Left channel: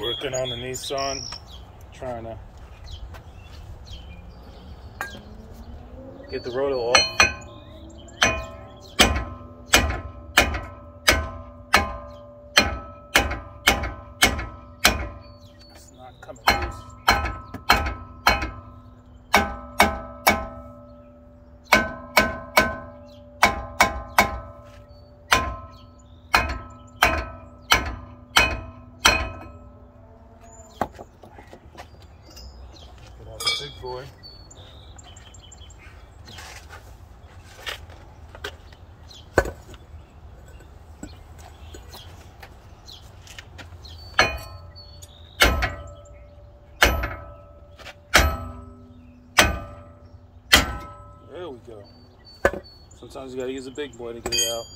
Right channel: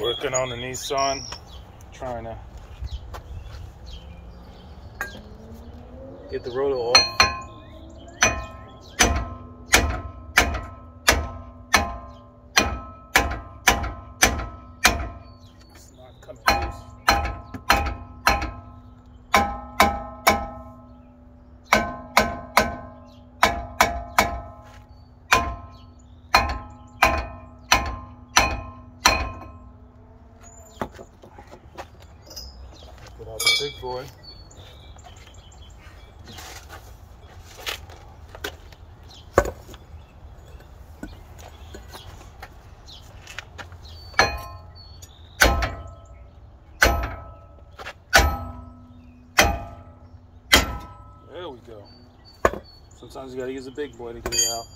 Working on the Nissan, trying to get the rotor off. It's not coming loose. Get out the big boy. There we go. Sometimes you gotta use a big boy to get it out.